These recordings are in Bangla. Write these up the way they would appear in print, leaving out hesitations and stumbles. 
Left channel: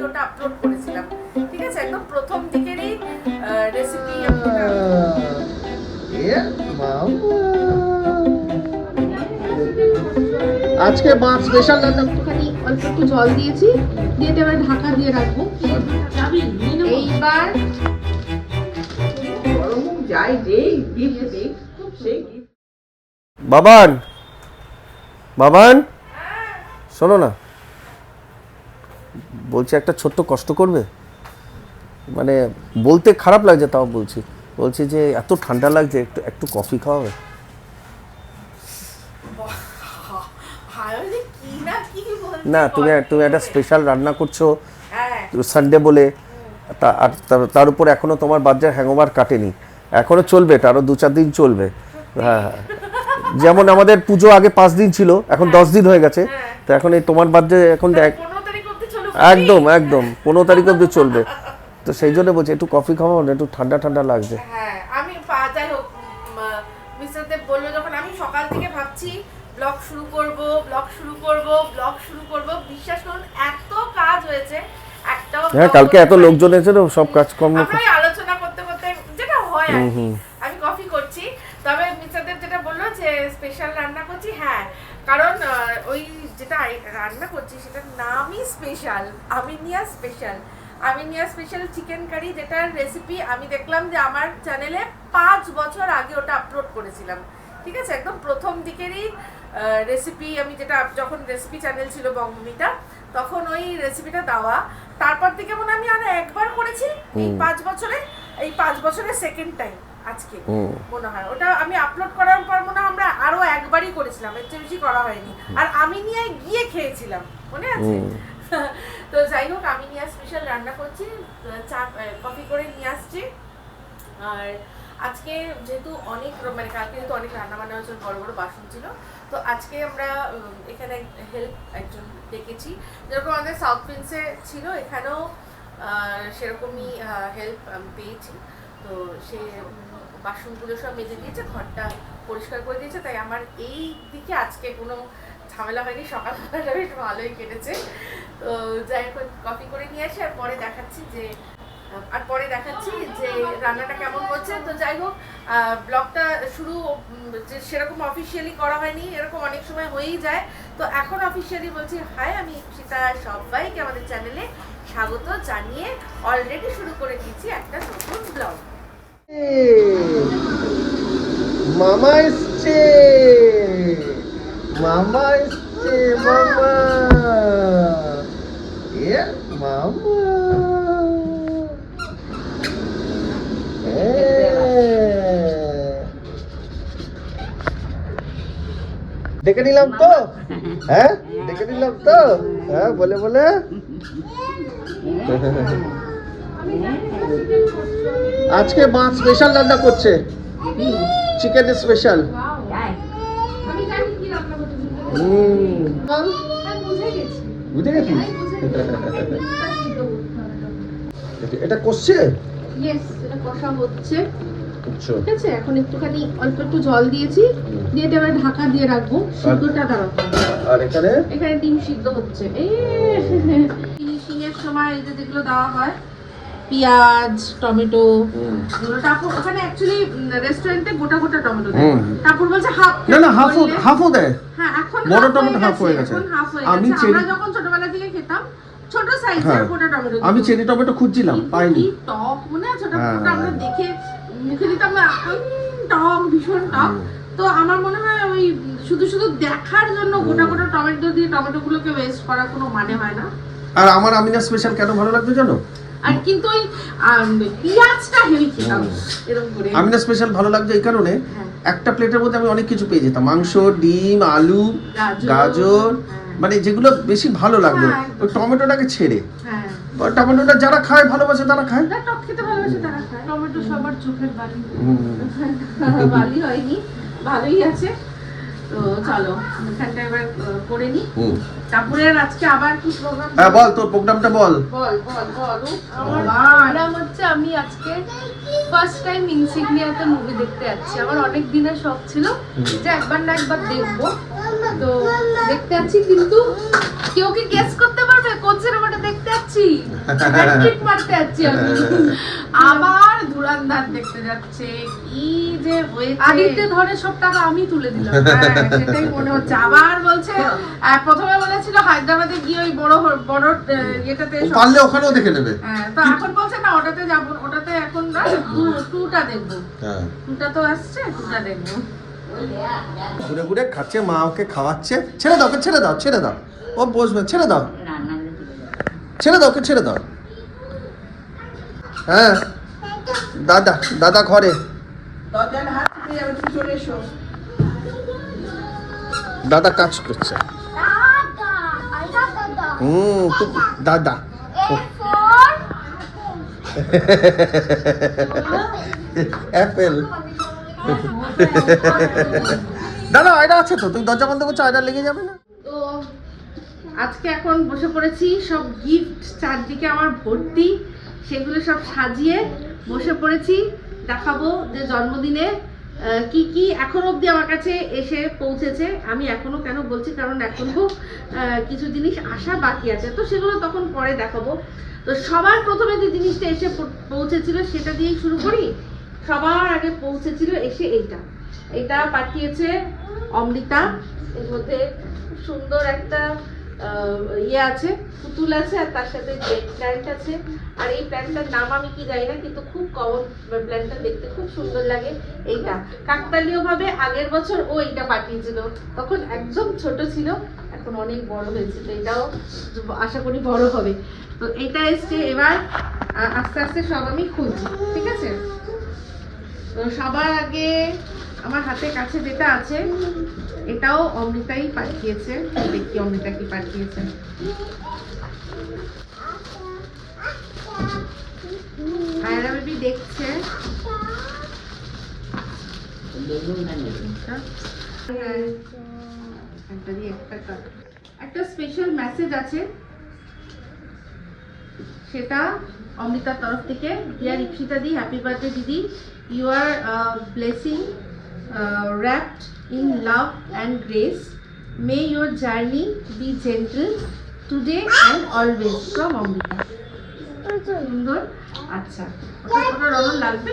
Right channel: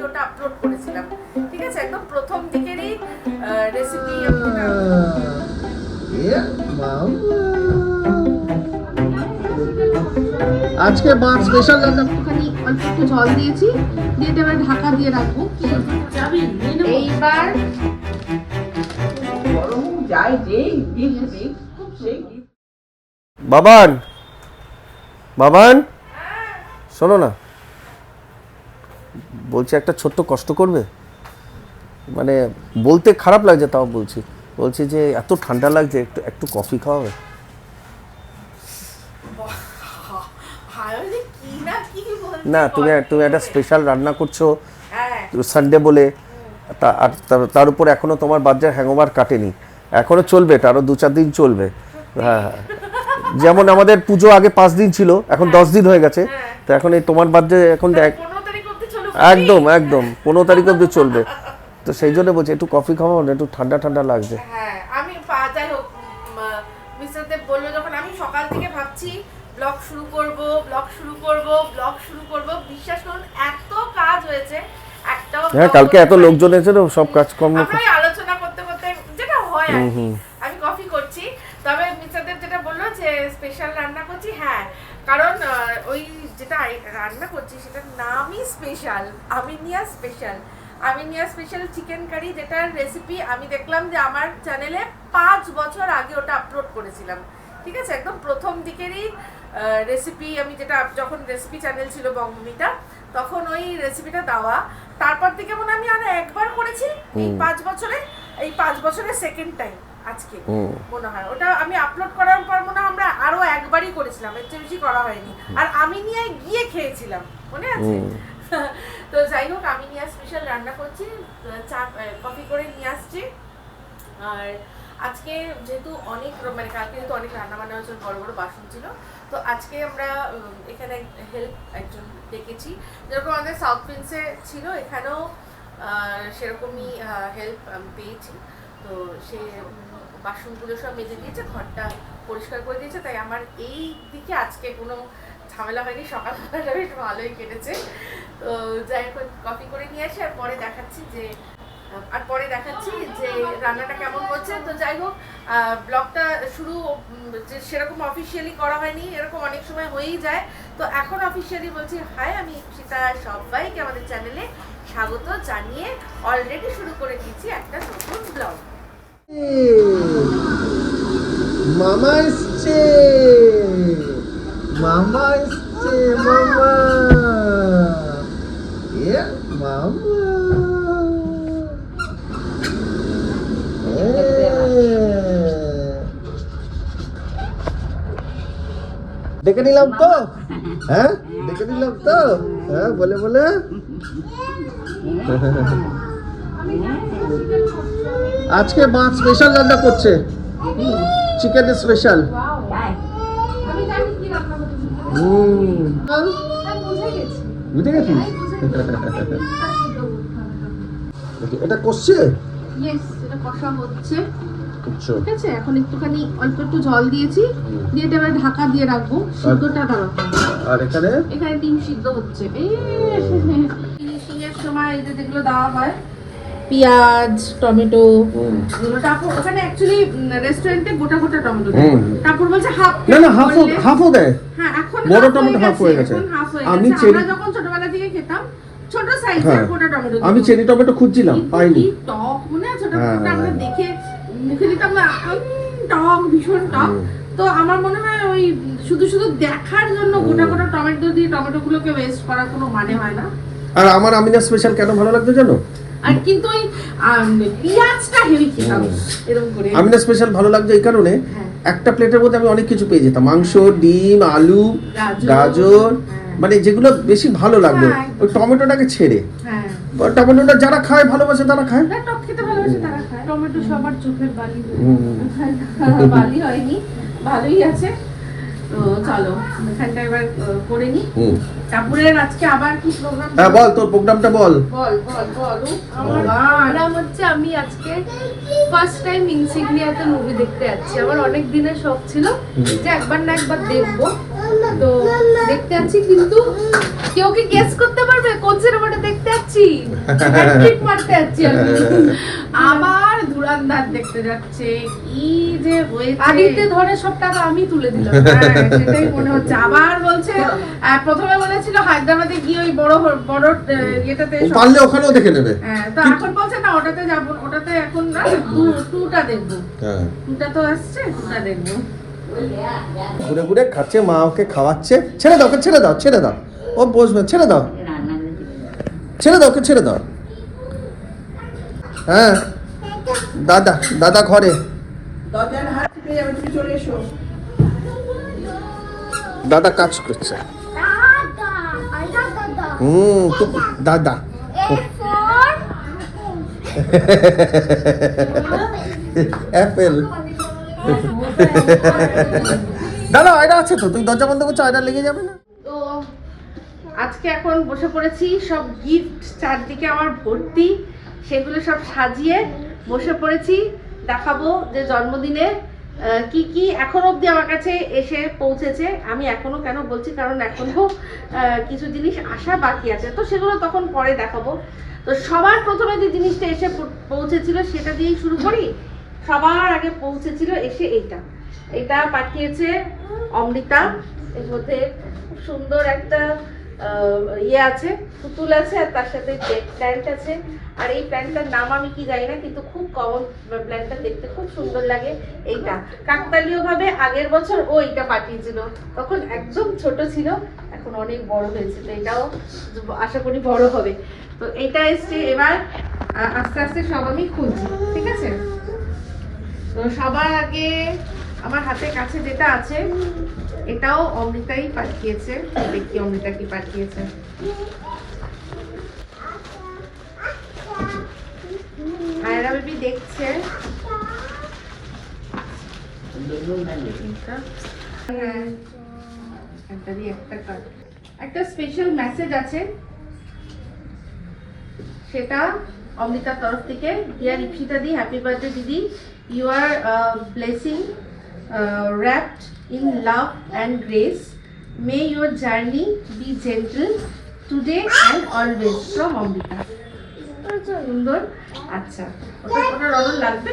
আগে ওটা আপলোড করেছিলাম, ঠিক আছে, একদম প্রথম দিকেরই রেসিপি আমি আজকে মাছ স্পেশাল রান্না একটুখানি অল্প একটু জল দিয়েছি, দিয়ে এবার ঢাকা দিয়ে রাখবো। এইবার বাবান বাবান শোনো না, বলছি একটা ছোট্ট কষ্ট করবে, মানে বলতে খারাপ লাগছে তাও বলছি যে এত ঠান্ডা লাগছে, একটু একটু কফি খাওয়াবে? না তুমি একটা স্পেশাল রান্না করছো সানডে বলে, তার উপর এখনো তোমার বাচ্চার হ্যাংওভার কাটেনি, এখনো চলবে, এটা আরো 2-4 দিন চলবে। হ্যাঁ, যেমন আমাদের পুজো আগে 5 দিন ছিল, এখন 10 দিন হয়ে গেছে, তো এখন এই তোমার বার্থডে এখন একদম 15 তারিখ অব্দি চলবে, তো সেই জন্য বলছি একটু কফি খাওয়াও না, একটু ঠান্ডা ঠান্ডা লাগছে। হ্যাঁ, আমি যাই হোক মিস্টার দেব বললো যখন, আমি সকাল থেকে ভাবছি ব্লগ শুরু করব, বিশ্বাস করুন এত কাজ হয়েছে, একটাও হ্যাঁ কালকে এত লোকজন এসেছিল, সব কাজকর্ম আমরা আলোচনা করতে যেটা হয় আর কি, আমি কফি করছি। তবে মিস্টার দেব যেটা বললো যে স্পেশাল রান্না করছি, হ্যাঁ, কারণ ওই যেটা রান্না করছি সেটার নামই special, Aminia special chicken curry, যেটার রেসিপি আমি দেখলাম যে আমার চ্যানেলে 5 বছর আগে ওটা আপলোড করেছিলাম, ঠিক আছে, একদম প্রথম দিকেরই রেসিপি, আমি যেটা যখন রেসিপি চ্যানেল ছিল বঙ্গভূমিটা, তখন ওই রেসিপিটা দেওয়া, তারপর থেকে মনে আমি আর একবার করেছি এই 5 বছরের সেকেন্ড টাইম আজকে মনে হয়। ওটা আমি আপলোড করার পর মনে হয় আমরা আরো একবারই করেছিলাম, এর চেয়ে বেশি করা হয়নি, আর আমি নিয়ে গিয়ে খেয়েছিলাম, মনে আছে? তো যাই হোক, আমি নিয়ে স্পেশাল রান্না করছি, চা কফি করে নিয়ে আসছি। আর আজকে যেহেতু অনেক মানে কালকে যেহেতু অনেক রান্না বান্না হয়েছিল, বড় বড় বাসন ছিল, তো আজকে আমরা এখানে হেল্প একজন ডেকেছি, যেরকম আমাদের সাউথ প্রিন্সে ছিল, এখানেও সেরকমই হেল্প পেয়েছি। তো সে বাসনগুলো সব মেজে দিয়েছে, ঘরটা পরিষ্কার করে দিয়েছে, তাই আমার এই দিকে আজকে কোনো ঝামেলা হয়নি, সকালবেলাটা বেশ ভালোই কেটেছে। তো যাই হোক, কফি করে নিয়ে আসি, আর পরে দেখাচ্ছি যে রান্নাটা কেমন হচ্ছে। তো যাই হোক, ব্লগটা শুরু যে সেরকম অফিসিয়ালি করা হয়নি, এরকম অনেক সময় হয়েই যায়, তো এখন অফিসিয়ালি বলছি হাই, আমি ইপ্সিতা, সবাইকে আমাদের চ্যানেলে স্বাগত জানিয়ে অলরেডি শুরু করে দিয়েছি একটা নতুন ব্লগ। মামা এসছে, মামা দেখে নিলাম তো, হ্যাঁ দেখে নিলাম তো, হ্যাঁ বলে আজকে মাছ স্পেশাল রান্না করছে, চিকেন স্পেশাল। বুঝে গেছি, এটা করছে, এটা কষা হচ্ছে, ঠিক আছে, এখন একটুখানি অল্প একটু জল দিয়েছি, দিয়ে এবার ঢাকা দিয়ে রাখবো, সিদ্ধটা দাঁড়াবো। আর এখানে ডিম সিদ্ধ হচ্ছে, ফিনিশিং এর সময় এই যে যেগুলো দেওয়া হয়, পেঁয়াজ, টমেটো, এগুলো তারপর ওখানে অ্যাকচুয়ালি রেস্টুরেন্টে গোটা গোটা টমেটো দেয়, তারপর বলছে হাফ, না হাফও দেয়, হ্যাঁ এখন বড় টমেটো হাফ হয়ে গেছে। আমি আমরা যখন ছোটবেলা থেকে খেতাম ছোট সাইজের গোটা টমেটো, আমি চেরি টমেটো খুঁজছিলাম, পাইনি। টক মনে আছে ওটা, আমরা দেখে মুখে দিতাম, টক, ভীষণ টক। তো আমার মনে হয় ওই শুধু দেখার জন্য গোটা গোটা টমেটো দিয়ে টমেটোগুলোকে ওয়েস্ট করার কোনো মানে হয় না। আর আমার আমিনা স্পেশাল কেন ভালো লাগছে জানো? আর কিন্তু ওই পেঁয়াজটা হেভি খেতাম এরকম করে। আমিনা স্পেশাল ভালো লাগছে এই কারণে, একটা প্লেটের মধ্যে আমি অনেক কিছু পেয়ে যেতাম, মাংস, ডিম, আলু, গাজর, মানে যেগুলো বেশি ভালো লাগবে, ওই টমেটোটাকে ছেড়ে। টমেটোটা যারা খায় ভালোবাসে তারা খায়, টক খেতে ভালোবাসে তারা খায়। টমেটো সবার চোখের বালি, বালি হয়নি, ভালোই আছে। তো চলো এখানটা এবার করে নি, তারপরে আজকে আবার কি প্রোগ্রাম? হ্যাঁ বল, তোর প্রোগ্রামটা বল। আমার প্রোগ্রাম হচ্ছে, আমি আজকে ফার্স্ট টাইম ইনসিগনিয়া একটা মুভি দেখতে যাচ্ছি। আমার অনেক দিনের শখ ছিল যে একবার না একবার দেখবো, তো দেখতে যাচ্ছি। কিন্তু কেউ কি গেস করতে পারবে কোন সিনেমাটা দেখতে যাচ্ছি? যাচ্ছি, ম্যাট্রিক মারতে যাচ্ছি আমি। আবার ধুরান্ধার দেখতে যাচ্ছে, কি যে হয়েছে। আগেতে ধরে সব টাকা আমি তুলে দিলাম। হ্যাঁ, সেটাই মনে হচ্ছে। আবার বলছে, প্রথমে বলেছিল হায়দ্রাবাদে গিয়ে ওই বড় বড় ইয়েটাতে পারলে ওখানেও দেখে নেবে। হ্যাঁ, তো এখন বলছে না ওটাতে যাবো, ওটাতে এখন না টুটা দেখবো। হ্যাঁ, টুটা তো আসছে, টুটা দেখবো। ঘুরে ঘুরে খাচ্ছে, মা ওকে খাওয়াচ্ছে। ছেড়ে দাও, ওকে ছেড়ে দাও, ছেড়ে দাও, ও বসবে, ছেড়ে দাও, ছেড়ে দাও, ওকে ছেড়ে দাও। হ্যাঁ, দাদা দাদা ঘরে, দাদা কাজ করছে। দাদা অ্যাপেল। দাদা এটা আছে তো, তুমি দরজা বন্ধ করছো, এটা লেগে যাবে না? তো আজকে এখন বসে পড়েছি, সব গিফট চারদিকে আমার ভর্তি, সেগুলো সব সাজিয়ে বসে পড়েছি। দেখাবো যে জন্মদিনে কি কি এখন অবধি আমার কাছে এসে পৌঁছেছে। আমি এখনো কেন বলছি, কারণ এখনো কিছু জিনিস আসা বাকি আছে, তো সেগুলো তখন পরে দেখাবো। তো সবার প্রথমে যে জিনিসটা এসে পৌঁছেছিল সেটা দিয়েই শুরু করি। সবার আগে পৌঁছেছিল এসে এটা পাঠিয়েছে অমৃতা। এর মধ্যে খুব সুন্দর একটা ইয়ে আছে, পুতুল আছে, আর তার সাথে জেট প্ল্যান্ট আছে। আর এই প্ল্যান্টটার নাম আমি কি জানি না, কিন্তু খুব কমন প্ল্যান্টটা, দেখতে খুব সুন্দর লাগে। এইটা কাকতালীয় ভাবে আগের বছর ও এইটা পাঠিয়েছিল, তখন একদম ছোট ছিল, এখন অনেক বড় হয়েছে। তো এটাও আশা করি বড় হবে। তো এটা এসছে, এবার আস্তে আস্তে সব আমি খুঁজছি, ঠিক আছে? তো সবার আগে আমার হাতের কাছে যেটা আছে এটাও অমৃতাই পাঠিয়েছে। দেখি অমৃতা কি পাঠিয়েছে। আয়রা বেবি দেখছে। একটা স্পেশাল মেসেজ আছে, সেটা অমৃতার তরফ থেকে। ডিয়ার ইপসিতা দি, হ্যাপি বার্থডে দিদি, you are blessing wrapped in love and grace. May your journey be gentle today and always, from Amrita. সুন্দর। আচ্ছা, ওটা রঙ লাগবে।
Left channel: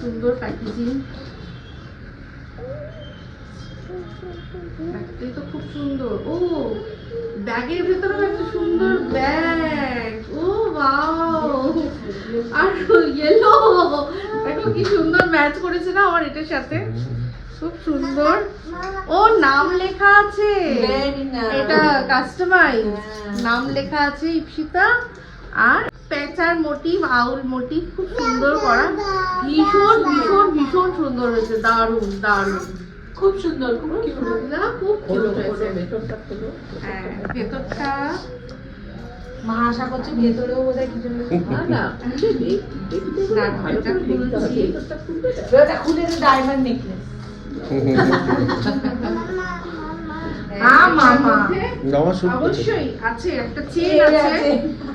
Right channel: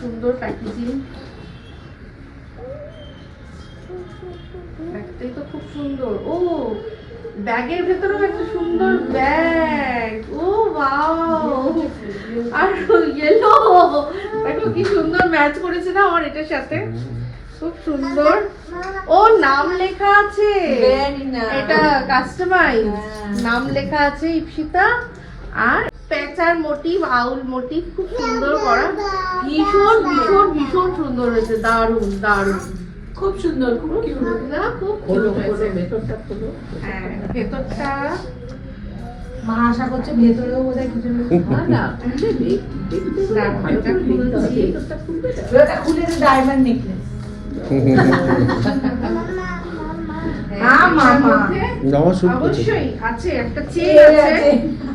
সুন্দর প্যাকেজিং, ব্যাগটাই তো খুব সুন্দর। ও, ব্যাগের ভেতরেও একটা সুন্দর ব্যাগ। ও ওয়াও, আর ইয়েলো, দেখো কি সুন্দর ম্যাচ করেছে না আমার এটার সাথে, খুব সুন্দর। ও নাম লেখা আছে, এটা কাস্টমাইজ নাম লেখা আছে ইপসিতা। আর পেঁচার মোটিভ, আউল মোটিভ, খুব সুন্দর করা, ভীষণ ভীষণ ভীষণ সুন্দর হয়েছে, দারুণ দারুণ, খুব সুন্দর, খুব কিউট না, খুব কিউট হয়েছে ভেতরটা। হ্যাঁ, ভেতরটা আশা করছে ভেতরেও বোধহয় কিছু না, এটা খুলছি, ওটা খুলে ডায়মন্ড নেকলেস। হ্যাঁ মামা, অবশ্যই আছে, একটা চেন আছে।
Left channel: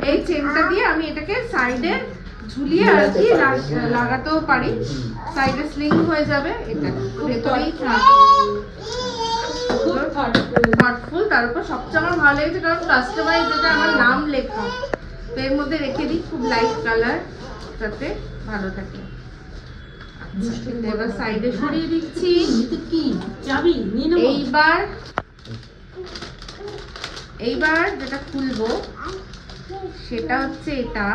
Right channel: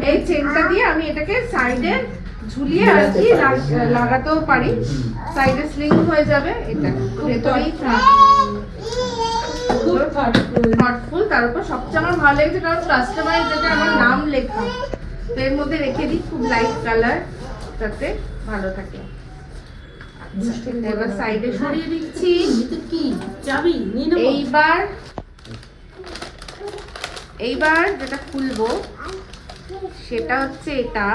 এই চেনটা দিয়ে আমি এটাকে সাইডে ঝুলিয়ে আর কি লাগাতেও পারি, সাইডে স্লিং হয়ে যাবে। এটা ভেতরেই থার্টফুল। তার উপর সবচেয়ে আমার ভালো লেগেছে কারণ কাস্টমাইজ, যেটা আমার নাম লেখা, তো এর মধ্যে রেখে দিই, খুব লাইট কালার, যাতে ভালো থাকে। এবার সাইডে সরিয়ে দিচ্ছি। এইবার যেটা খুলবো সেটা হচ্ছে এটা।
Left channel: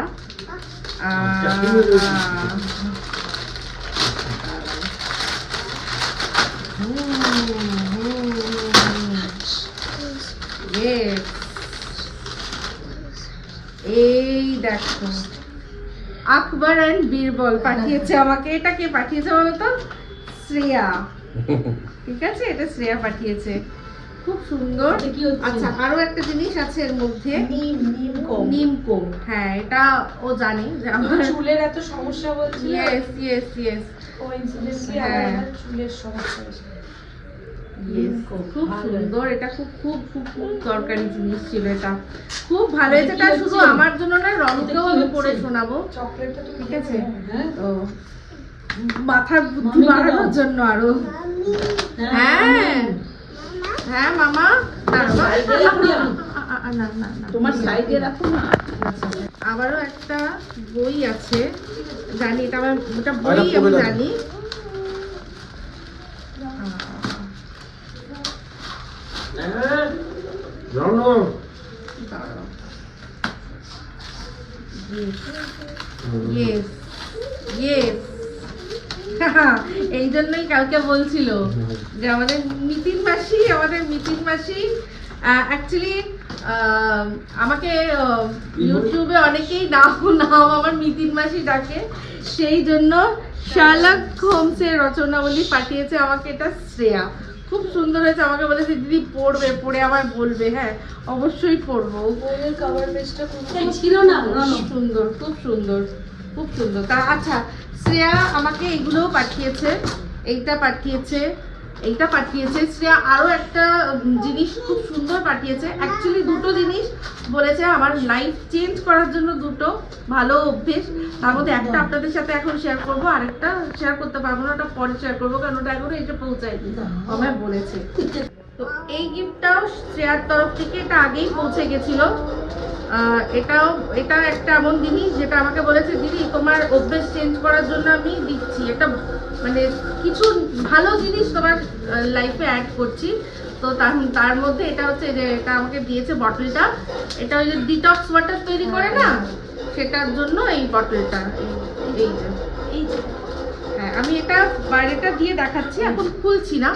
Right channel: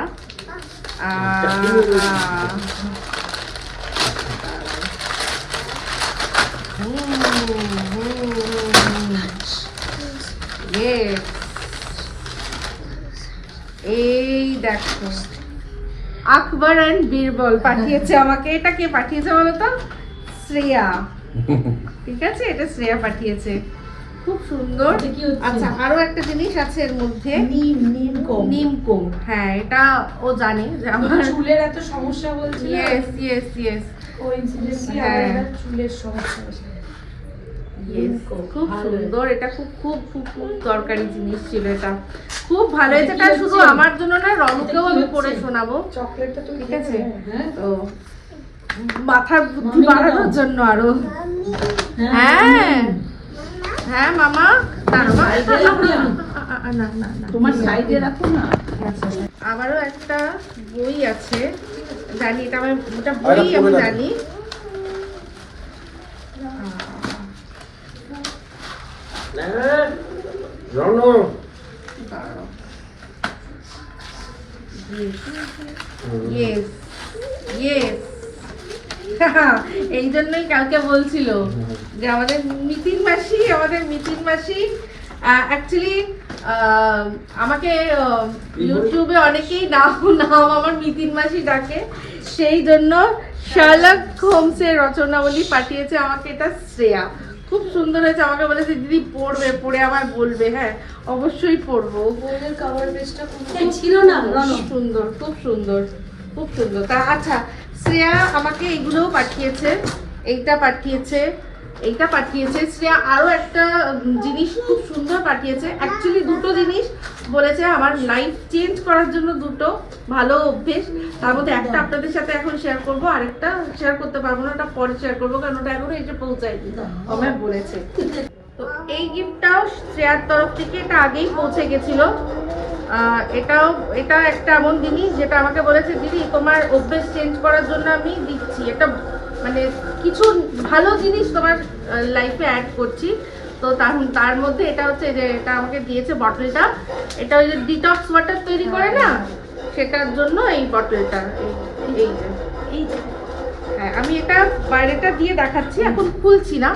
এই দেখো, আকবর অ্যান্ড বীরবল পাঠিয়েছে আমাকে। এটা কে পাঠিয়েছে বলো তো? শ্রেয়া। ঠিক আছে, এটা শ্রেয়া পাঠিয়েছে, খুব সুন্দর। আচ্ছা, আরো একটা জিনিস আছে এর মধ্যে, নিমকুম। হ্যাঁ, এটা ও জানে যে আমার চুলের এত সমস্যা বলছি। ইয়েস ইয়েস ইয়েস, কোইন্সিডেন্টলি চুলের সমস্যা আছে। খুব সুন্দর, এটা খুব খুব খুব খুব দরকারি জিনিস ছিল, এটা খুব ভালো হয়েছে। এটা শুধু আমার জন্য না, রনুকেও আমি পরে শোনাবো, ঠিক আছে? তো মাথার বুদ্ধি বাড়ানোর জন্য আরো। হ্যাঁ হ্যাঁ মামা দাঁড়াও, না না না তোমার সাইডে রাখো না। আবারও একটা বই আছে, জানি এটা আমি, ওটা বই আমি জানি। Yes, yes. এই জন্যই কালকে বলছিল যে আমাদের মিতিন মাসি অ্যাকচুয়ালি আমাকে ইউটিউবে অনেকেই নাম আমার মিতিন মাসি ডাকে, সেই জন্য শার্লক হোমসের রচনাবলী পাঠিয়েছে আমাকে, এটা শ্রেয়া। খুব সুন্দর হয়েছে, আমাকে বলেছে দিদি পড়বে, পড়ে আমায় বলবে। হ্যাঁ অবশ্যই পড়বো। কভার পেজটা ছিল না, খুব সুন্দর, খুব সুন্দর, খুব সুন্দর। তা আচ্ছা, শ্রেয়া আমাকে এগুলোও পাঠিয়েছে, এইটা পাঠিয়েছে, এইটা পাঠিয়েছে। শ্রেয়া আরো একটা জিনিস খুব সুন্দর পাঠিয়েছে। অ্যাকচুয়ালি দুটো জিনিস বলেছে আমার লাইফ চেঞ্জ করার জন্য, দুটো ভালো অভ্যেস। তার মধ্যে একটা আপনাদের সাথে এখন শেয়ার করবো, আরেকটা শেয়ার করতে পারবো না, ওটা পরে শেয়ার করবো, কারণ ওটা এখনো এসে পৌঁছায়নি, আমায় বলেছে। তো এই গিফটটাও শ্রেয়ার তরফ থেকে, এটা আগেই পৌঁছে গেছিল। এটা একটা এমন জিনিস যেটা আমাকে বলেছে দিদি তোমার অভ্যেস চেঞ্জ করার জন্য আমি দিচ্ছি, এটা মানে কিছু ভালো জিনিস তোমার লাইফে অ্যাড করছি। তো তার মধ্যে এটা হচ্ছে যে এটা আমাকে দিয়েছে বটলটা, এটা ওই যে ডিটক্স ওয়াটার তৈরি করে না, সেটার জন্য এই বটলটা, এই যে হ্যাঁ আমি এটা বাইরেটা দিয়ে দেখাচ্ছি, এখন খুলছি না।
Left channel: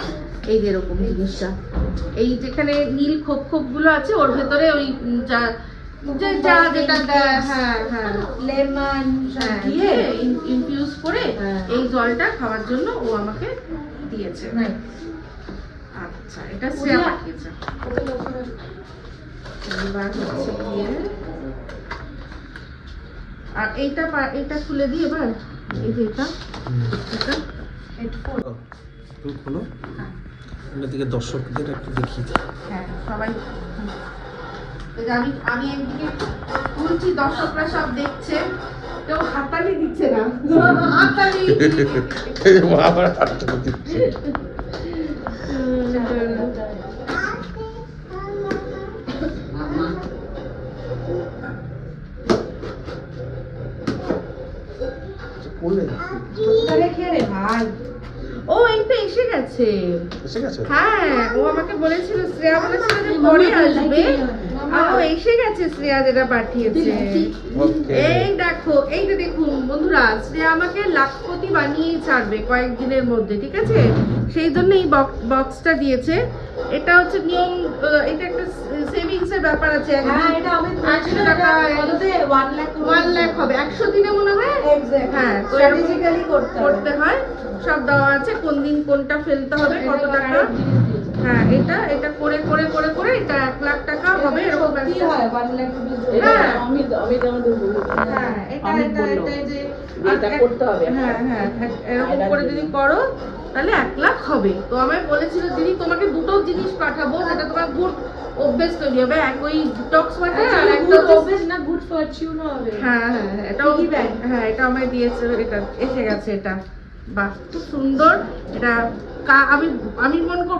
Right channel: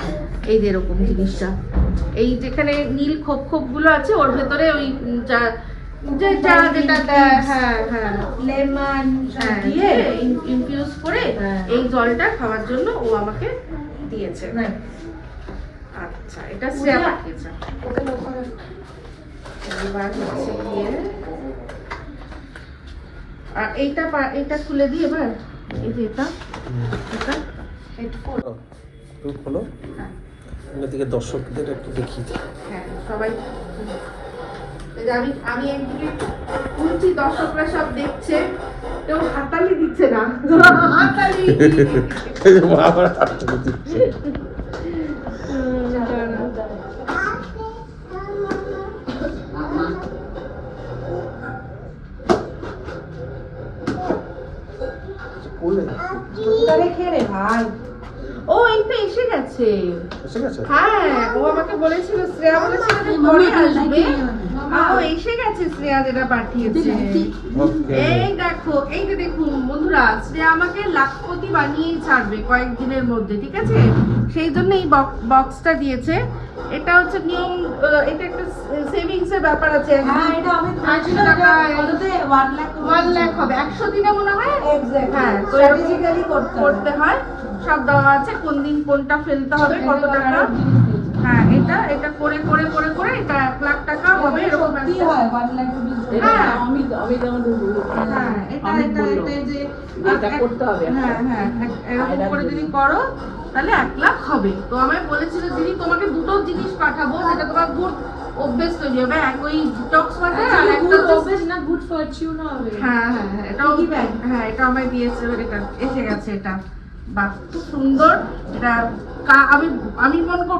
এই যে এরকম জিনিসটা, এই যেখানে নীল খোপ খোপ গুলো আছে ওর ভেতরে ওই যেটা হ্যাঁ হ্যাঁ লেমন দিয়ে ইনফিউজ করে এই জলটা খাওয়ার জন্য ও আমাকে দিয়েছে। আচ্ছা এটা শ্রেয়া পাঠিয়েছে। এবার হচ্ছে গিয়ে আর এইটা খুলে দিই এবার। এই যে এটা তুমি খোলো, অন্যদিকে দর্শকদের একটু দেখিয়ে দিই। হ্যাঁ সবাই আমি একদিকে খুলছি, দর্শকরা সব দেখছে, কেউ হাতালি দিচ্ছে না, হাতালি ভাই। ও এইটা এসে গেছে, হ্যাঁ ও আমাকে বলেছিল, শ্রেয়া বলেছিল যে পরে আসবে, ও এসে গেছে শ্রেয়া যেটা পাঠিয়েছে। এই দেখো, এইটা দেখুন বন্ধুরা, শ্রেয়া আমাকে লাখপতি বানিয়ে ছাড়বে কয়েকদিনের মধ্যে, ঠিক আছে? সেই জন্য এই বক্সটা দিয়েছে। এটা হচ্ছে নিয়ম, এটা একটা সেভিংস এর ব্যাপার আছে। 100 টাকা 1 লাখ হবে 100 দিনে মনে হয়। হ্যাঁ তো করতে হয়, সব দেওয়া আছে, কোন দিন কোনটা ফেলতে হবে, কত টাকা। হ্যাঁ এটা করে করে করে করে এটা 1 লাখ টাকা হবে, এরকম এরকম করে যদি করো তাহলে 1 লাখ হবে। তো আমায় বলেছিল দিদি তোমাকে দুটো জিনিস পাঠাবো, যেটা তোমার গুড অভ্যেস তৈরি হবে, এক ওই ডিটক্স ওয়াটার আর একটা অভ্যেস না গুড ফরচুনও হবে। হ্যাঁ এটা আমায় দিয়েছে, এটা এসে গেছে। এটা বাহ খুব সুন্দর। এটা আমি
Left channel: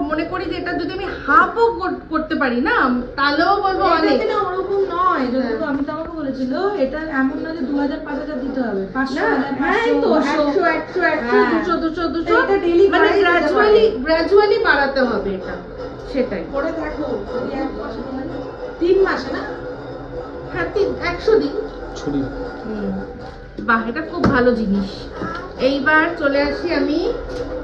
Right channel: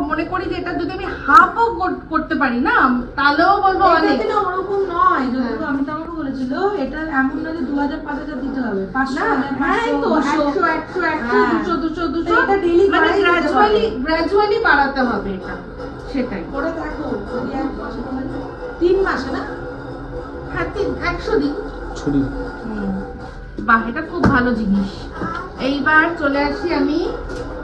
মনে করি যে এটা যদি আমি হাফও করতে পারি না তাহলেও বলবো অনেক। এটা ওরকম নয়, যতটুকু আমি তোমাকে বলেছিল, এটা এমন না যে 2000-5000 দিতে হবে, 500 মানে গ্র্যাজুয়ালি বাড়াতে হবে এটা, সেটাই। পরে দেখো 3 মাস না, হ্যাঁ 100 দিন। বাহ এটা খুব ভালো জিনিস। এইবার চলে আসি আমি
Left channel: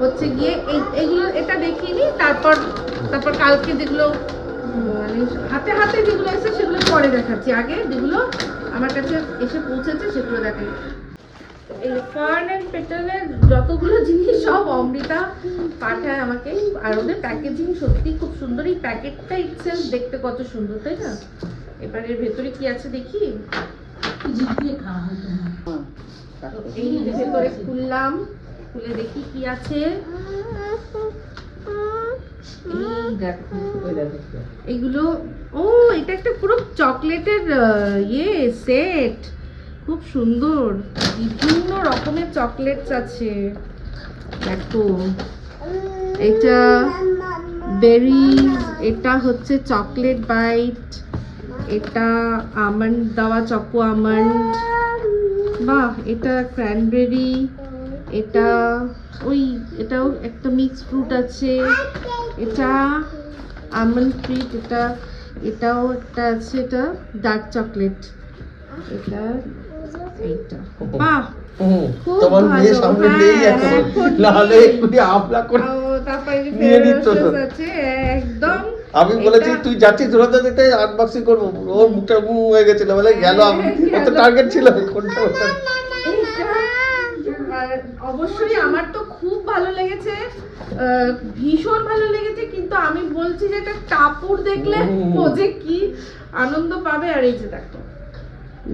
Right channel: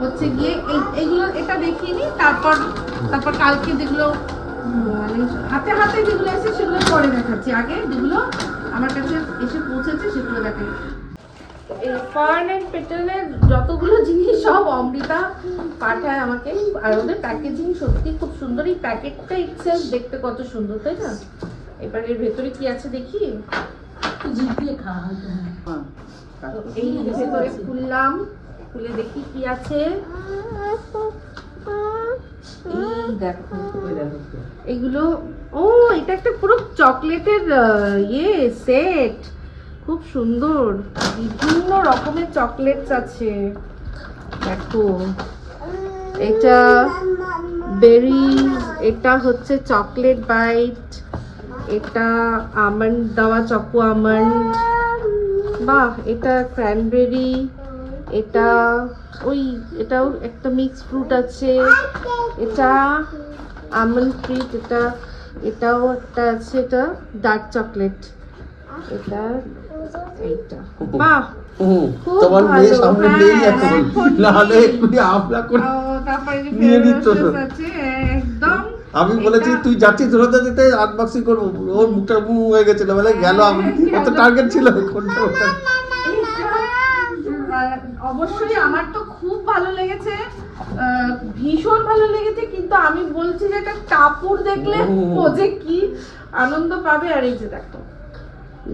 হচ্ছে গিয়ে এইগুলো, এটা দেখিয়ে নিই, তারপর কালকে যেগুলো মানে হাতে হাতে যেগুলো এসে সেগুলো পরে দেখাচ্ছি, আগে যেগুলো আমার কাছে এসে পৌঁছেছে সেগুলো দেখাই। এই ফার্ন এন্ড পেটেলের যতগুলো জিনিস সব অমৃতা পাঠায় আমাকে, আর ওদের প্যাকেজিং সত্যি খুব সুন্দর। এই প্যাকেটটা ইটসেলফ দেখতে কত সুন্দর, তাই না? এবার এর ভেতরে কি আছে দেখি। এই ভেতরে খুললাম, খুলে দেখি কি আছে। এগুলো এটা একটা পুরো চকলেটের সেট, খুব সুন্দর, বিভিন্ন রকমের চকলেটস আছে। দেখো এটা বেরিজ, এটা হচ্ছে চকলেট বাইট, এটা আমন্ড দেওয়া চকো আমন্ড, বাহ এটা ক্র্যানবেরি, এটা এটাও একটা মিক্স ফ্রুট আছে, এটা আমন্ড ট্রিট, এটাও একটা আছে, এটা ডার্ক চকলেট, এটা বাহ খুব তোমার ভালো। মেয়ে সামনে নেই হ্যাঁ, এখন, এখন নাহলে নেই। এক্ষুনি আমলা করে তারপরে যে নিয়ে Ferrero নিত। Rocher আছে, একদম আমি বলেছি এটা- তুই যাচ্ছিস ধরে দিতে আনবক্সিং করবো, ওর মুখটা হয়ে গেছিল, বলে গেল, আমি কত টার্গেট ছিল কোনটা ওটা। অবশ্যই আমার তো খুব ভালো লেগেছে, ভীষণ ভালো লেগেছে, কিন্তু আমি বলছি যে এটা টাপুর দেখলে ও যে কি আনন্দ পাবে। আর এই যে দেখো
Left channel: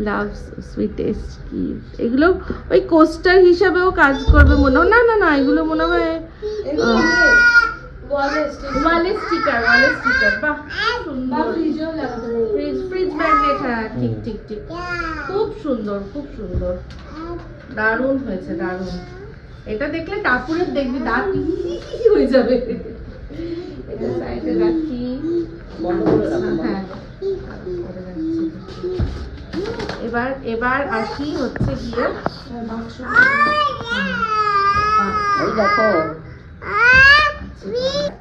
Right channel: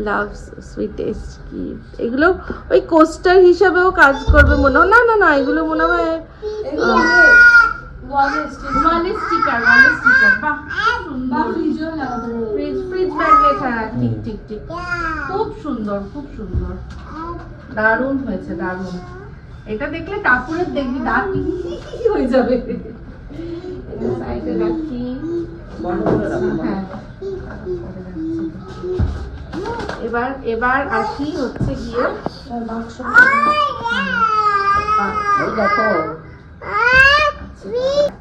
লাভ সুইটেস্ট কি, এগুলো ওই কোস্টার হিসাবেও কাজ করবে মনে হয়। না এগুলো মনে হয় ওয়ালের স্টিকার, বাহ সুন্দর, ফ্রিজ ম্যাগনেট, হ্যাঁ ঠিক খুব সুন্দর, দারুণ হয়েছে, দারুণ। এটা দেখলে কাপড়ের দেখবি দাঁত কি হয়ে যাবে। এটা সাইডে রাখি, হ্যাঁ এবার আসি হচ্ছে গিয়ে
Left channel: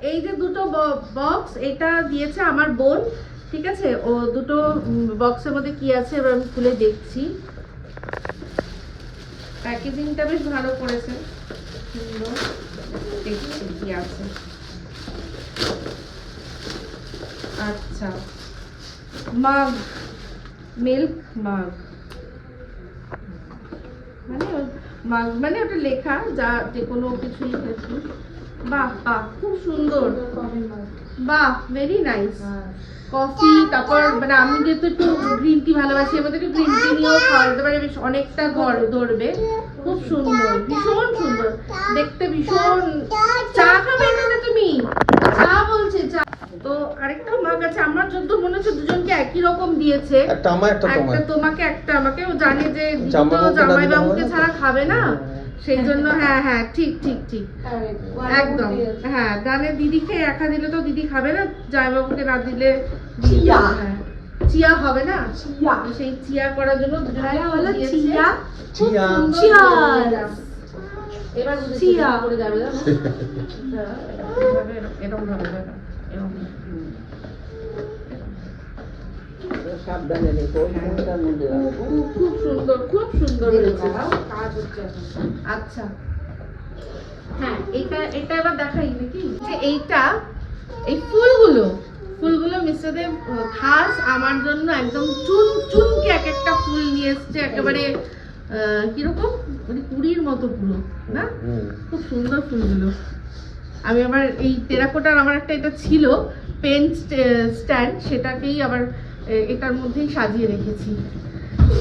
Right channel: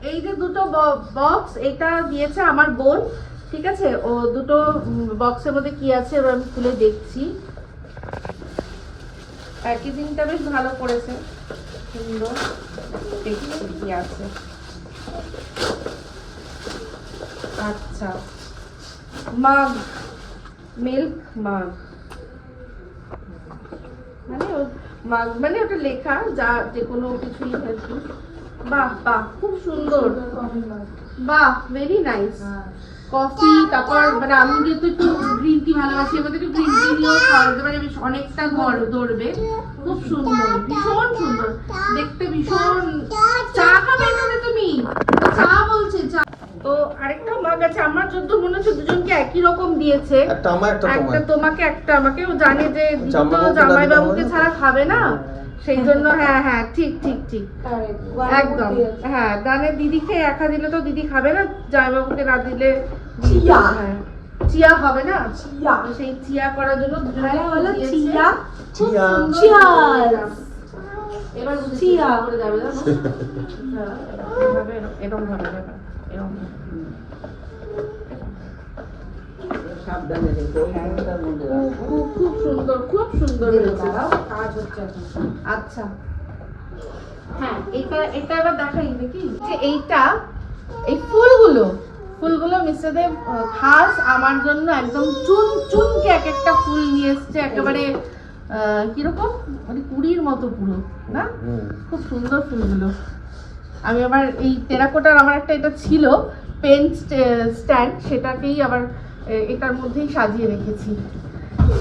এই যে দুটো বক্স, এটা দিয়েছে আমার বোন, ঠিক আছে। ও দুটো বক্সের মধ্যে কি আছে এবার আমি খুলে দেখছি। প্যাকেজিংটা বেশ ভালো করেছে, সুন্দর, দেখছি কি আছে। আচ্ছা, মাগ, মিল্ক মাগ, মানে ওটা লেখা যে কোনো কিছুই হয়েছে। বাহ খুব সুন্দর, বাহ ভেরি নাইস। কফি, তারপর মানে আমি যেহেতু একটু গ্রিন টি ভালোবাসি, এবার একটু গ্রিন টি নিয়েও খাওয়াতে পারি, বেশ অনেকটা ধরবে। খুব সুন্দর, ভীষণ সুন্দর দেখতে, ভীষণ। চা খাবে এটাতে তুমি? চা বলছে চা। তো আরেকটা মাগ আছে, আমার যত মনে হচ্ছে দুজনকে একই রকম দিয়েছে, একটা আমার একটা একটা তোমার। তোমাকে একটা আমাকে। ও জানে যে জামাইবাবুকে জামাইবাবুকে না দিলে ছাড়া খাবে না, সেই জন্য হ্যাঁ ঠিক একদম, হ্যাঁ জানে দিদিকে একা দিলে তো দিদি খাবে না, জামাইবাবুকে না দিলে হ্যাঁ চিয়া হবে না, সেই চিয়া করার জন্য বলো চিয়া চিয়া। চিয়া এরকম ভাবে খুব সুন্দর হয়েছে। আচ্ছা হ্যাঁ, এটা এবার দেখাই নাকি, যে এই ফুলগুলো মিস্টারদের খাস আমার জন্য একদম চুনকে এক একটা ফুল নিয়ে এসছে, একেবারে কিরকম মানে কুড়ির মতো পুরো না, খুব সুন্দর ফুলগুলো। আমি আবার এই টেরাকোটার আমার একটা এটা ছিল পেন স্ট্যান্ড, সেটাকেই আবার এটার মধ্যেই সাজিয়ে রেখেছি,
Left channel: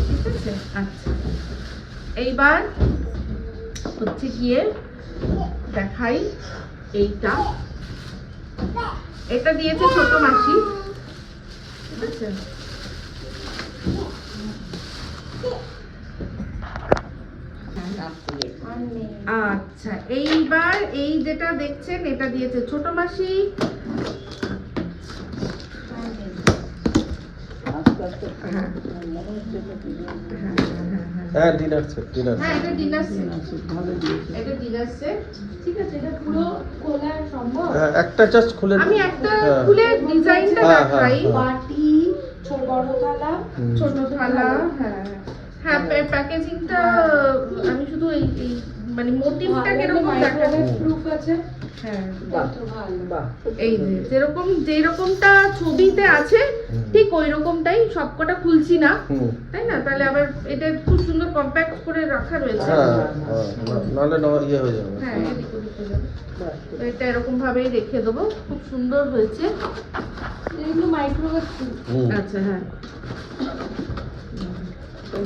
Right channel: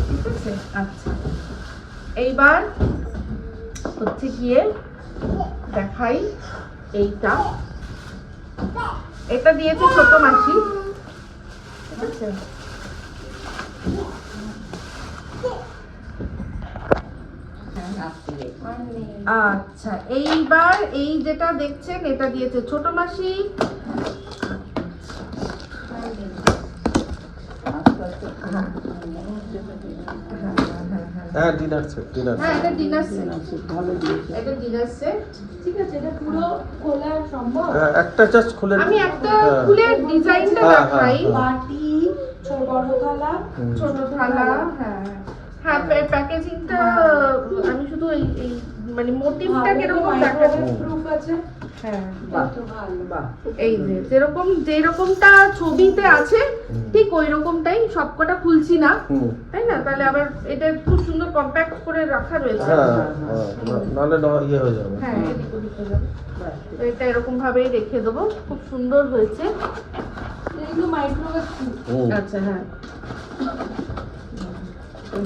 ঠিক আছে। আচ্ছা এইবার হচ্ছে গিয়ে দেখাই, এটা দিয়েছে ছোট মাসি, ঠিক আছে। আচ্ছা এইবার এই যেটা দেখছেন এটা দিয়েছে ছোট মাসি, হ্যাঁ ডিনার সেট, হ্যাঁ এটা ডিনার সেট, ভালো দিয়েছে, এটা ডিনার সেট, ঠিক আছে। এটা পুরো খোলা সম্ভব? একটা জাস্ট খুলে, আমি একটা খুলে ডিজাইনটা দেখাই। বাটি, বড় থালা, ছোট থালা, হ্যাঁ প্যাকেজিংটা আমি শুধু এই মানে মোটিভটা কিরকম দেখাচ্ছি, প্রুফ আছে। হ্যাঁ এই যে যেরকমটা ছবিতে আছে ঠিক ওই রকমটাই, সবকটা খুলছি না, তাই না? তাহলে আবার এটা খুব সুন্দর কম্প্যাক্ট করে রাখা রয়েছে, নাহলে ইয়ে হয়ে যাবে। হ্যাঁ এদিক ওদিক হয়ে যাবে। তো এটা এরকম ভাবেই রেখে দেবো, খুব সুন্দর হয়েছে। এইগুলো মাইক্রোওয়েভ। আচ্ছা হ্যাঁ,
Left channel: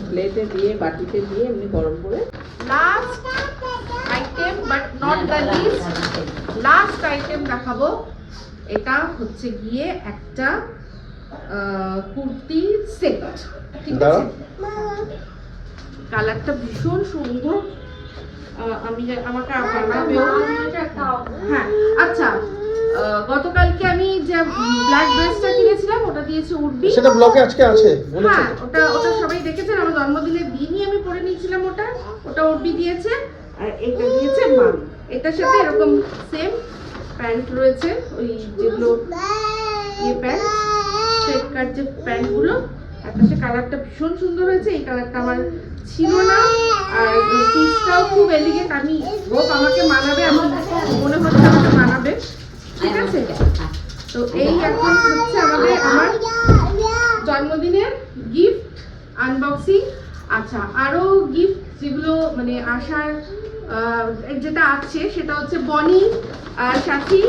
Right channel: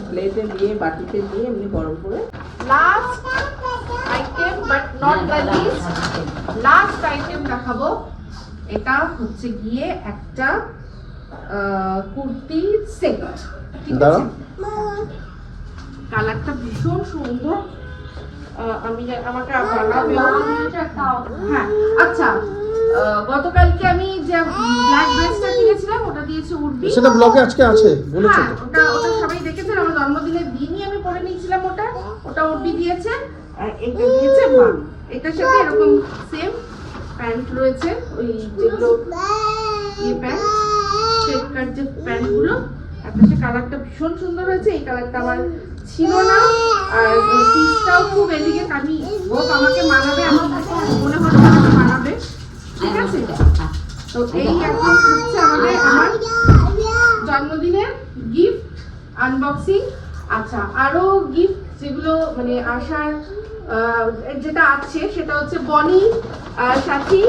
প্লেটে দিয়ে বাটিতে দিয়ে এমনি গরম করে। Last item but not the list, last item দেখাবো। এটা হচ্ছে গিয়ে একটা কুর্তি সেট, ঠিক আছে। কালারটা ভীষণ সুন্দর, আমাকে বানাবেও। হ্যাঁ আচ্ছা, গতকালকে আমি যে ব্ল্যাক ড্রেসটা কিনেছিলাম ওটা দিয়েছে উর্বি। সেটা ব্লগে আজকে আছে বলেছো? হ্যাঁ ওটা সবাই দেখেছেন, আমার জন্মদিনের দিনই আমি পরে নিয়েছিলাম ওটা উর্বি দিয়েছে। আর এটা দিয়েছে মা। এটার সাথে এরকম সেম প্যান্ট রয়েছে, ওই যেগুলো প্যান্ট স্ট্রেট কাট যে প্যান্টগুলো। আকাশে কালারটা ভীষণ সুন্দর হয়েছে, এই কালারটা আমার ছিল না। আর পিসটাও খুব এলিগেন্ট, আমি হোপ আমাকে মানাবে, আমি মনে হচ্ছে আমাকে মানাবে, ঠিক আছে? তো এই এখন হচ্ছে আমার জন্মদিনের গিফট আনবক্সিং। আচ্ছা, আরো গিফট যেগুলো মানে আসার যেটা আছে সেটা হচ্ছে বনি আর সাথী,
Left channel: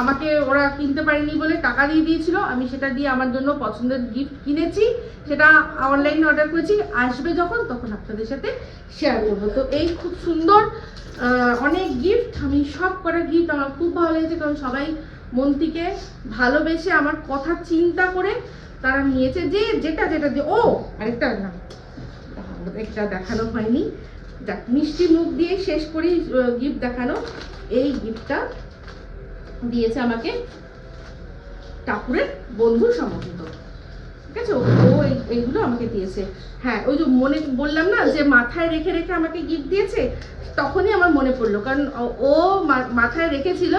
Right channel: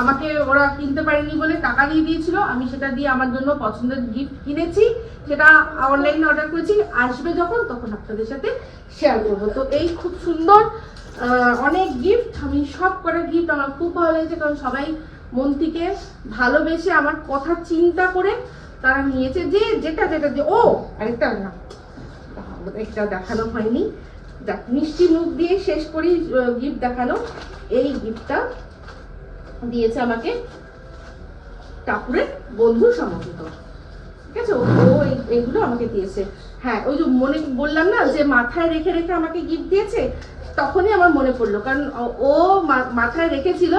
আমাকে ওরা কিনতে পারেনি বলে টাকা দিয়ে দিয়েছিল, আমি সেটা দিয়ে আমার জন্য পছন্দের গিফট কিনেছি, সেটা অনলাইনে অর্ডার করেছি। আসবে যখন তখন আপনাদের সাথে শেয়ার করবো। তো এই খুব সুন্দর অনেক গিফট, আমি সব কটা গিফট আমার খুব ভালো লেগেছে, কারণ সবাই মন থেকে ভালোবেসে আমার কথা চিন্তা করে তারা নিয়েছে। যে যেটা দিয়ে ও আরেকটা না, একটা দেখানো হয়নি, মিষ্টি মুখ দিয়ে শেষ করি গিফট দেখানো। এই গিফটটা দিয়েছে আমাকে টাপুরের বন্ধু সমর্থিত, ঠিক আছে? ও এইগুলো আমাকে দিয়েছে। হ্যাঁ, ওই যে মনে বললাম না যে মাথায় রেখে রেখে আমাকে গিফট দিয়েছে, তখনই আমার মনে পড়লো, কারণ ও মাথায় রেখেছিল,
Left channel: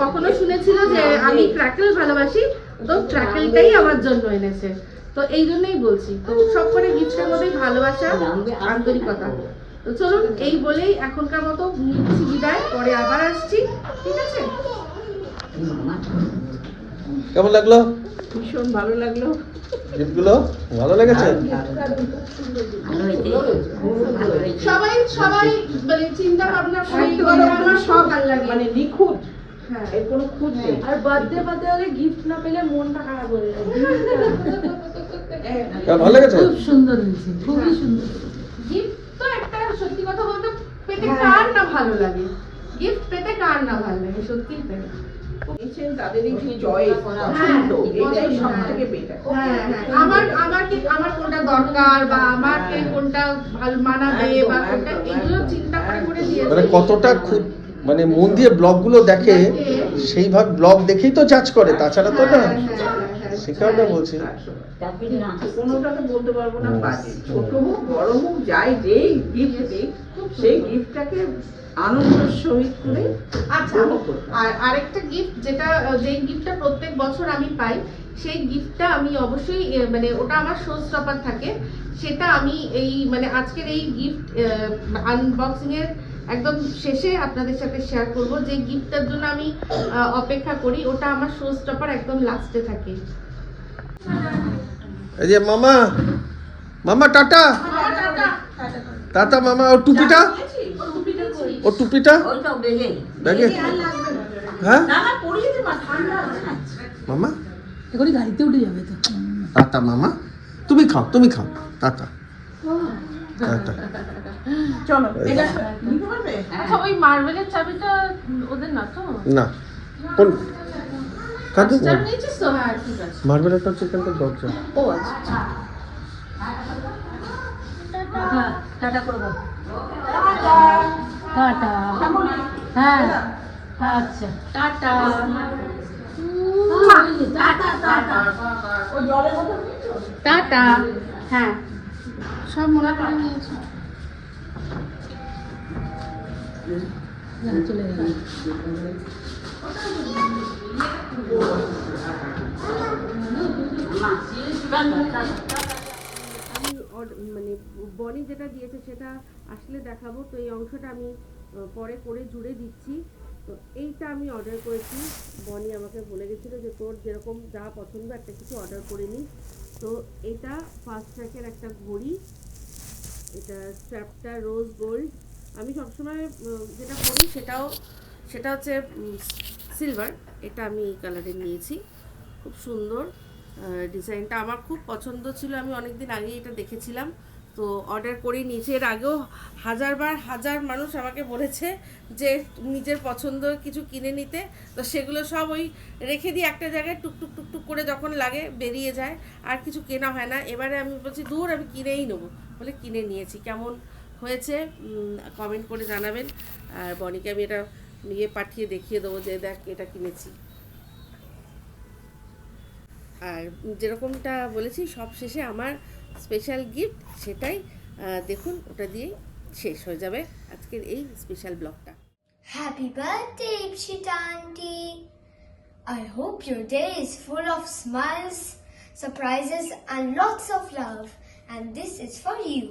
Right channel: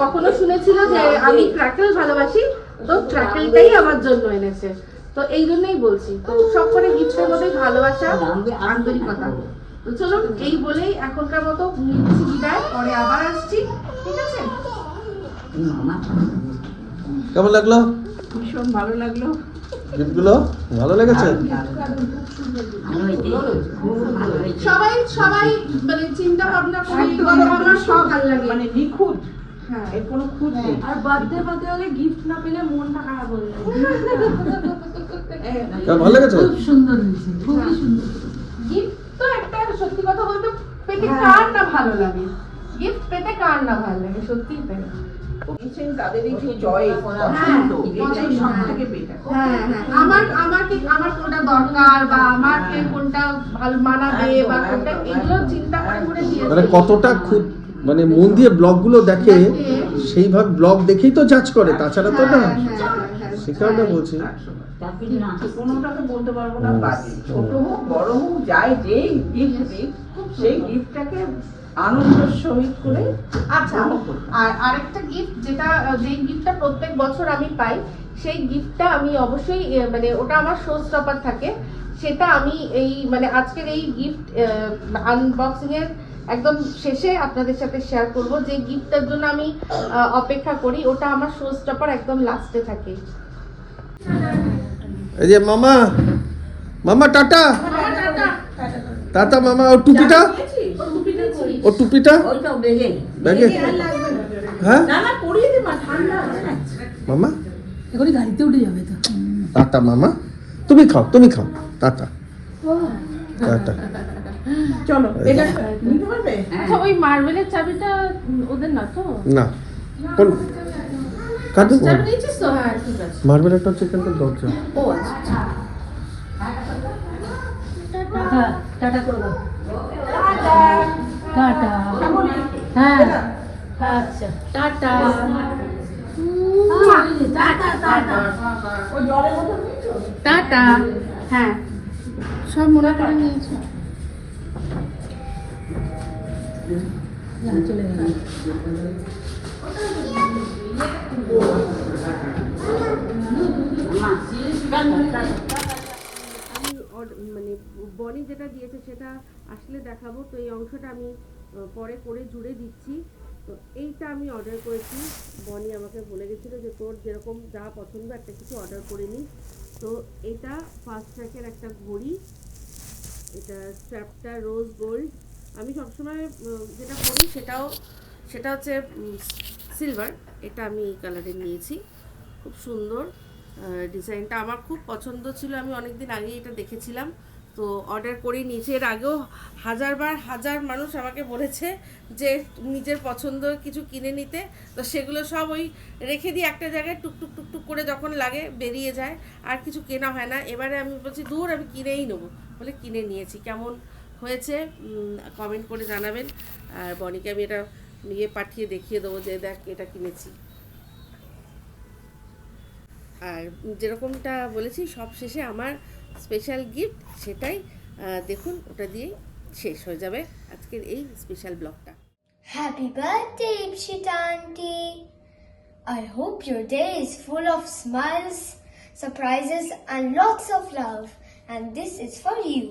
কখনো শুনেছিল যে আমি ক্র্যাকেল ভালোবাসি, তো ক্র্যাকেলটাই আমার জন্য এনেছে। তো এই জন্যই বলছি, তো সব করে গিফটের মধ্যেই ভালোবাসা, আন্তরিকতা। তো চলুন এই বলেই এখনকার মতো নিচ্ছি বিদায়, পরে আবার আসছি, ঠিক আছে? কেমন লাগলো? ভীষণ ভালো লাগলো। গিফটগুলো ভালো লেগেছে? সবাই মানে চিন্তা ভাবনা করে আমার সব ভালো লাগে, মানে নিখুঁত, হ্যাঁ। এর কোনো খুঁত নেই। আর বার্থডে হলে গিফট না পেলে মনটা খারাপ হয়ে যায়। ভালো লেগেছে? খুব সুন্দর হয়েছে, খুবই সুন্দর। গিফট তো একটা, সত্যি কথা বলতে পেতে কার না ভালো লাগে, গিফট পেতে কার না ভালো লাগে, সত্যিই তাই। দিয়েছেন তাদেরই যে চয়েস, পছন্দ, এটাই সব থেকে বেটার। হ্যাঁ আমার কোনটা দরকার বা আমাকে কোনটা ভালো মানাবে বা কোনটা, এগুলো চিন্তা করে করে দিয়েছে। মানে কতটা মানে মন দিয়ে ব্লগগুলো দেখে, সেইভাবে ব্লগ দেখেই তো জাজ করে, তাছাড়া তো না। সে কারণে বলছি। কোনোটাকে বলতে পারবো না বাজে, ছোট হোক বড় হোক, যাই যে গিফট দিই সেই গিফটটাকে আনন্দের সহিত করে। আচ্ছা, আর আরেকটা গিফট যেই গিফটটা প্রত্যেক বছর আমি পাই, সেই গিফটটা আমি অবশ্যই মানে ওটা আমার শো স্টপার থাকে, সেটা আমি এই মানে আজকের এই গিফট আনবক্সিং এর একদম শেষে আপনাদের সাথে শেয়ার করব। যে গিফটটার জন্য আমি অপেক্ষা করি, ওটা আমার শো স্টপার একদম লাস্টে থাকে। এই যে মামা টাটা টাটা মামা। ওর টুপিটা ব্যাগে, হ্যাঁ মামা গাড়িতে উঠে যাবে তো। টাটা মামা, তুমি খাও টাটা টাটা। চলো এটা নিতে পারবে? আচ্ছা, ওই মার্বেলের চাবিটা ওদের না তো? না কোন কাটু চাবি নিয়েছিস তো? হ্যাঁ, ঠিক আছে। মার্বেলটা হচ্ছে এখানকার দরজা। ও আচ্ছা, হ্যাঁ, টাটা করে দাও। টাটা। হ্যাঁ, আচ্ছা, টাটা। টাটা। হ্যাঁ, সব মনে করে নিয়েছি। মানে বনি যেটা দিয়েছে সেটা আসলে দেখাবো, তো এই অংশটা আমি পরে করে জুড়ে দিচ্ছি। তো এইটা আমি অর্ডার করেছি, বনি আমাকে বলে গেছিলো যে তোর যেরকম যা পছন্দ একটা কিছু অর্ডার করে নিস। তো এটা ফাস্ট ট্র্যাকের একটা ঘড়ি, এটা স্ট্র্যাপটা রোজ গোল্ড। আমি সবসময় যেটা করি সেটা হচ্ছে সিলভার, এটা আমি এই কালারে নিয়েছি, খুব সুন্দর ডিজাইনটা আমার খুব পছন্দ ছিল, আমি অনেকদিন আগে এটা দেখেছিলাম, তো অর্ডার করে নিয়েছি। এর আগেও হাজার মানুষ আমাকে বলেছে যে নিজের পছন্দ কিছু কিনে নিতে, তো সেগুলো সব ওই রেখে দিয়ে একটা জায়গায় টুকটুক করে যখন লাগে বেরিয়ে যায়, আর কিছু কেনা হয় না। এবারে আমি বলছি দূর, আমি কিনেই নেবো বলে কিনে নিয়েছি। কেমন হয়েছে কমেন্ট করে জানাবেন। আর বনিকে আমি এটা নিয়ে পাঠিয়ে দেখিয়ে দেবো যে দেখ এটা কিনেছি। আর যেরকমটা বলেছি সব শেষে আমার স্পেশাল গিফট, সেটাই দেখুন, ওটা দিয়েই শেষ হয়ে যাবে আজকের এই স্পেশাল ব্লগটা। Happy birthday, Ipshita Auntie. I hope your day is full of smiles, surprises, and lots of love. And this is for you.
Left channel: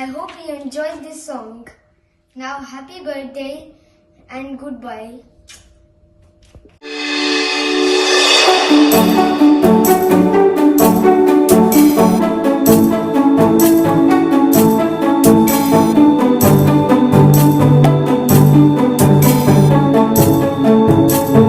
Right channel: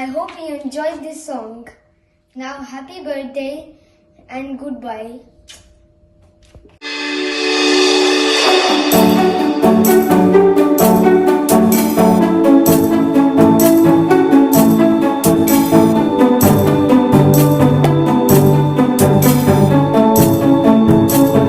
I hope you enjoyed this song. Now, happy birthday and goodbye.